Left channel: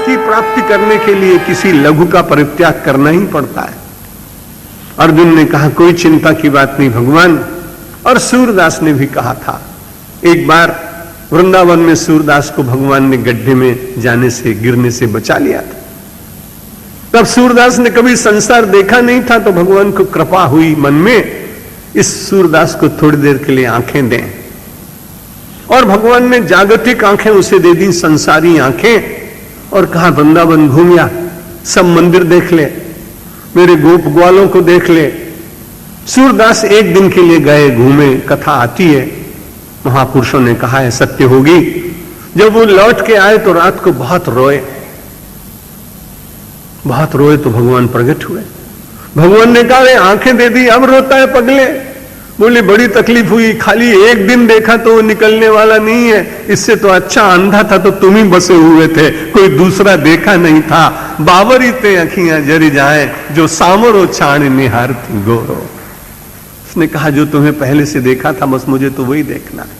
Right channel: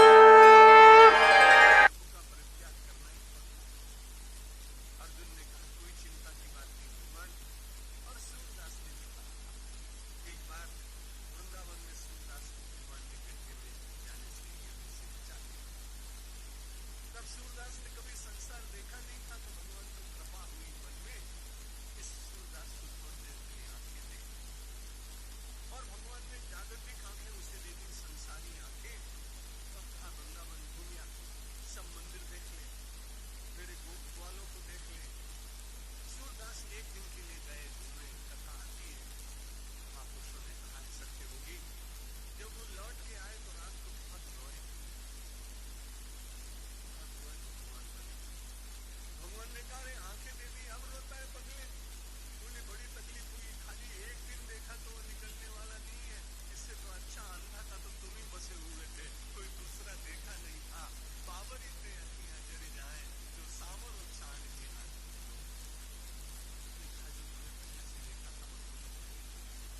की प्राप्ति करने के लिए किसी लघु का परित्याग करना ही पड़ता है। अर्जुन ने कहा कोई चिंता की बात नहीं भगवान। और सूरदास ने भी कहा था, एक बार वृंदावन में सूरदास को भगवान ने गड्ढे में जाने से, गिरने से बचा लिया था। तब सूरदास ने कभी संसार देखा नहीं था, तो भगवान को कृपा हुई मन में इस सूरदास को थोड़ी देर के लिए आंखें दें। और भगवान ने जागतिक आंखें उसे दे दी, संसारी आंखें, और कहा वृंदावन घूम या, सब मंदिर देख ले, मेरे गोप ग्वालों को देख ले। सूरदास एक दिन के लिए गए, घूमे, कथा आती है, महापुरुषों ने कहा है सत्य होगी। जब वो लौट के आए तो रात को बहुत रोए तो भगवान प्रकट हुए। भगवान ने कहा आंखें दे दी, अब रोता है पगले। बोले बड़ी तकलीफ हुई, खाली एक दिन देखा तो वो निकलने वाला नहीं है, इससे तो अच्छा अंधा था तो तुम ही बसे हुए थे, कोई दूसरा देखा नहीं था। बावरी ते अखियां जरी जाए, जो सामरो छाण निहार थी गोरो। उसने कहा जो तुम्हें पहले से देखा था बस मुझे तो वही देखना है।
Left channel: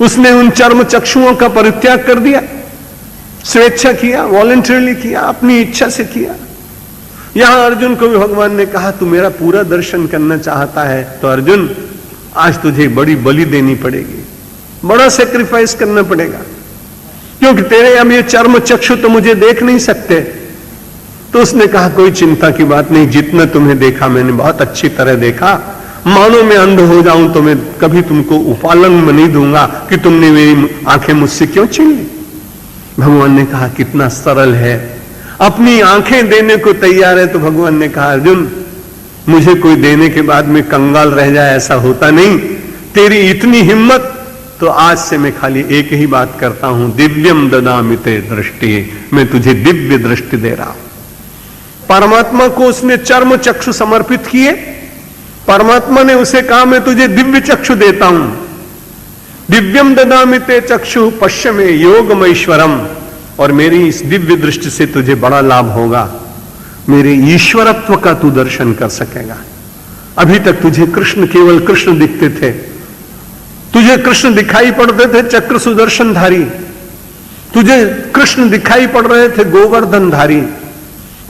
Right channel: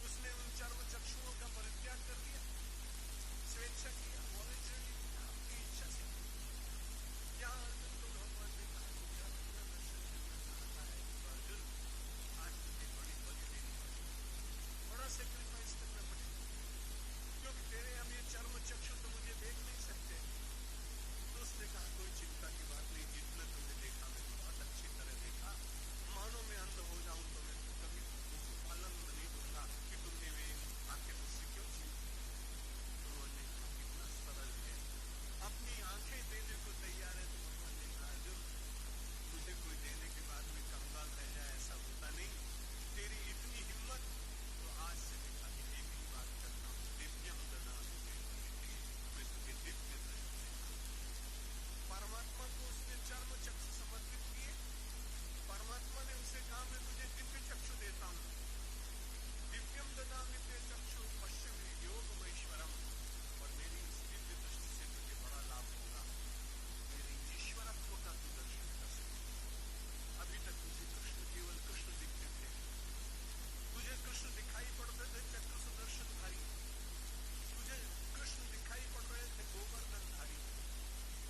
उसने उन चर्म चक्षुओं का परित्याग कर दिया, स्वेच्छा किया, वॉलंटरली किया, अपनी इच्छा से किया। यहां अर्जुन को भी भगवान ने कहा तू मेरा पूरा दर्शन करना चाहता है तो अर्जुन आज तुझे बड़ी बलि देनी पड़ेगी, बड़ा सेक्रीफाइस करना पड़ेगा, क्योंकि तेरे अब ये चर्म चक्षु तो मुझे देख नहीं सकते। तो उसने कहा कोई चिंता की बात नहीं, जितना तुम्हें देखा मैंने बहुत अच्छी तरह देखा, मानो मैं अंध हो जाऊं तो मैं कभी तुमको उपालन में नहीं दूंगा कि तुमने मेरी आंखें मुझसे क्यों छीन ली। भगवान ने कहा कितना सरल है, अपनी आंखें देने को तैयार है। तो भगवान ने कहा अर्जुन मुझे कोई देने के बाद में कंगाल रह जाए ऐसा होता नहीं, तेरी इतनी हिम्मत तो आज से मैं खाली एक ही बात करता हूं, दिव्यम ददामि ते दृष्टि, मैं तुझे दिव्य दृष्टि दे रहा हूं। परमात्मा को उसने चर्म चक्षु समर्पित किए, परमात्मा ने उसे कहा मैं तुझे दिव्य चक्षु देता हूं, दिव्यम ददामि ते चक्षु पश्य में योगमैश्वरम, और मेरी इस दिव्य दृष्टि से तुझे बड़ा लाभ होगा, मेरे ईश्वरत्व का तू दर्शन कर सकेगा। अभी तक तुझे कृष्ण केवल कृष्ण दिखते थे, तुझे कृष्ण दिखाई पड़ते थे चक्र सुदर्शनधारी, तुझे कृष्ण दिखाई पड़ रहे थे गोवर्धनधारी,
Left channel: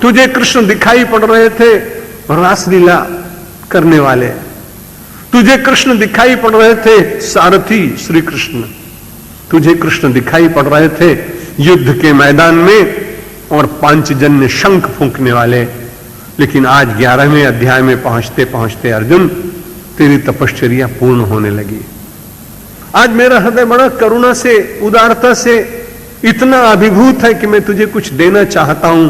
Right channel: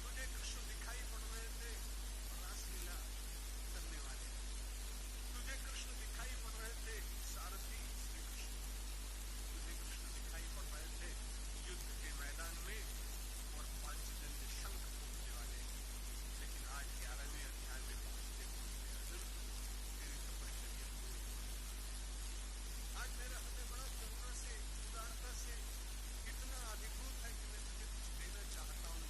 तुझे कृष्ण दिखाई पड़ रहे थे रासलीला करने वाले, तुझे कृष्ण दिखाई पड़ रहे थे सारथी श्री कृष्ण, तुझे कृष्ण दिखाई पड़ रहे थे युद्ध के मैदान में और पांचजन्य शंख फूंकने वाले। लेकिन आज 11वें अध्याय में पहुंचते पहुंचते अर्जुन तेरी तपश्चर्या पूर्ण होने लगी। आज मेरा हृदय बड़ा करुणा से, उदारता से इतना अभिभूत है कि मैं तुझे कुछ देना चाहता हूं।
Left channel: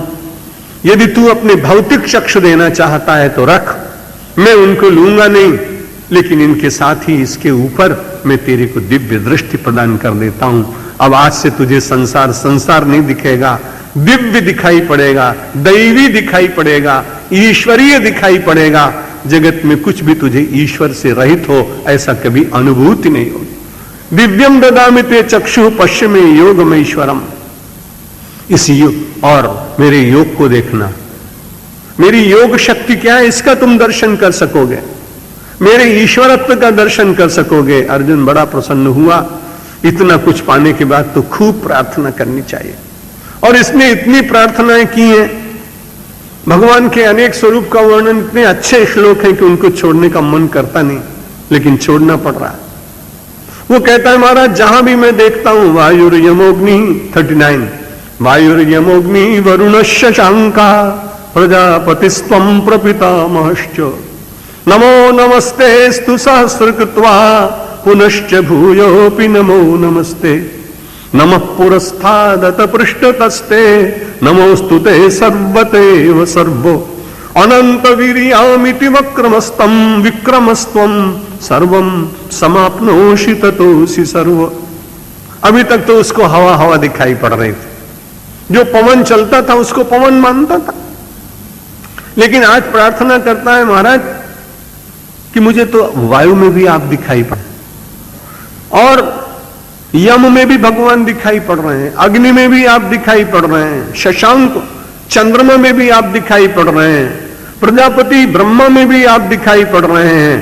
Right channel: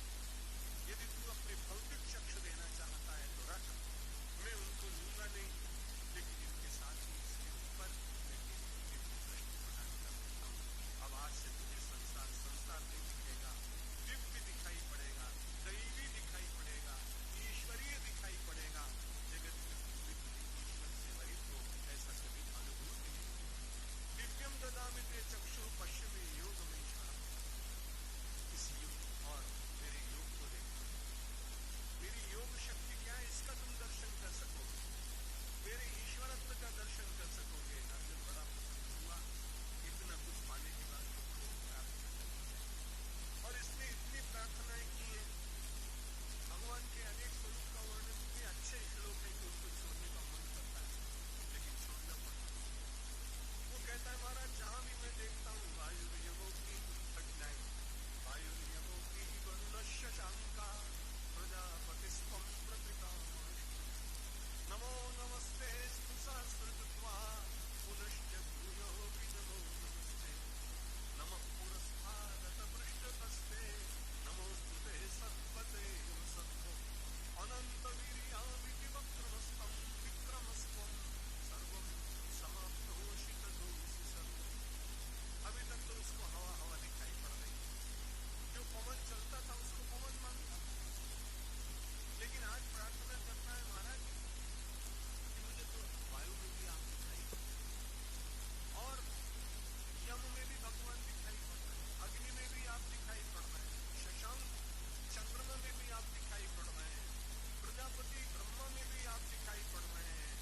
यदि तू अपने भौतिक चक्षु देना चाहता है तो रख, मैं उनको लूंगा नहीं, लेकिन इनके साथ ही इसके ऊपर मैं तेरे को दिव्य दृष्टि प्रदान कर देता हूं। अब आज से तुझे संसार नहीं दिखेगा, दिव्य दिखाई पड़ेगा, दैवी दिखाई पड़ेगा, ईश्वरीय दिखाई पड़ेगा। जगत में कुछ भी तुझे ईश्वर से रहित हो ऐसा कभी अनुभूति नहीं होगी। दिव्यम ददामि ते चक्षु पश्य में योगमैश्वरम, इस योग और मेरे योग को देखना, मेरी योग शक्ति क्या है इसका तुम दर्शन कर सकोगे, मेरे ईश्वरत्व का दर्शन कर सकोगे। अर्जुन बड़ा प्रसन्न हुआ। इतना कुछ पाने के बाद तो खूब प्रार्थना करनी चाहिए, और इसने इतनी प्रार्थनाएं की हैं। भगवान के अनेक स्वरूप का वर्णन इतने अच्छे श्लोक हैं कि उनको छोड़ने का मन करता नहीं, लेकिन छोड़ना पड़ रहा है। वो कहता है महाराज जहां भी मैं देखता हूं वायुर्यमोग्नि 39, वायुर्यमोग्नि वरुणस्य शांका प्रजापतिस्त्वं प्रपितामहश्च, नमो नमस्तेस्तु सहस्रकृत्वा पुनश्च भूयोऽपि नमो नमस्ते, नमः पुरस्तादत पृष्ठतस्ते, नमोस्तुते सर्वतेव सर्वो, अनंत वीर्यामिति वक्रमस्तं विक्रमस्त्वं सर्वं समाप्नोषि ततोऽसि सर्व। अभी तक तो उसको हवा हवा दिखाई पड़ रही थी, जो पवन चलता था उसको पवन मानता था, लेकिन आज प्रार्थना करता है महाराज कि मुझे तो वायु में भी आप दिखाई पड़, और यम में भी भगवान दिखाई पड़ रहे हैं, अग्नि में भी आप दिखाई पड़ रहे हैं, शशांक चंद्रमा में भी आप दिखाई पड़ रहे हैं, प्रजापति ब्रह्मा में भी आप दिखाई पड़ रहे हैं,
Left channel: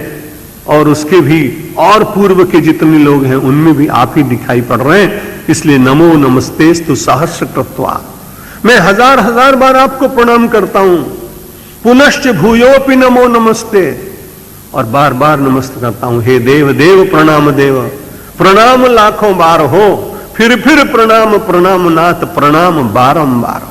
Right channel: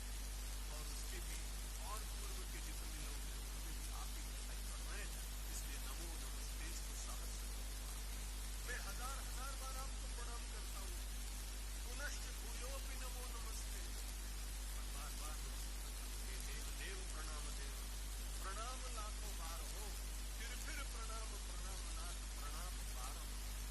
और उसके भी और पूर्व के जितने लोग हैं उनमें भी आप ही दिखाई पड़ रहे हैं। इसलिए नमो नमस्तेस्तु सहस्रकृत्वा, मैं हजार हजार बार आपको प्रणाम करता हूं। पुनश्च भूयोपि नमो नमस्ते, और बार बार नमस्ते करता हूं। हे देव देव प्रणाम देव, प्रणाम लाखों बार हो, फिर प्रणाम प्रणाम नाथ, प्रणाम बारंबार।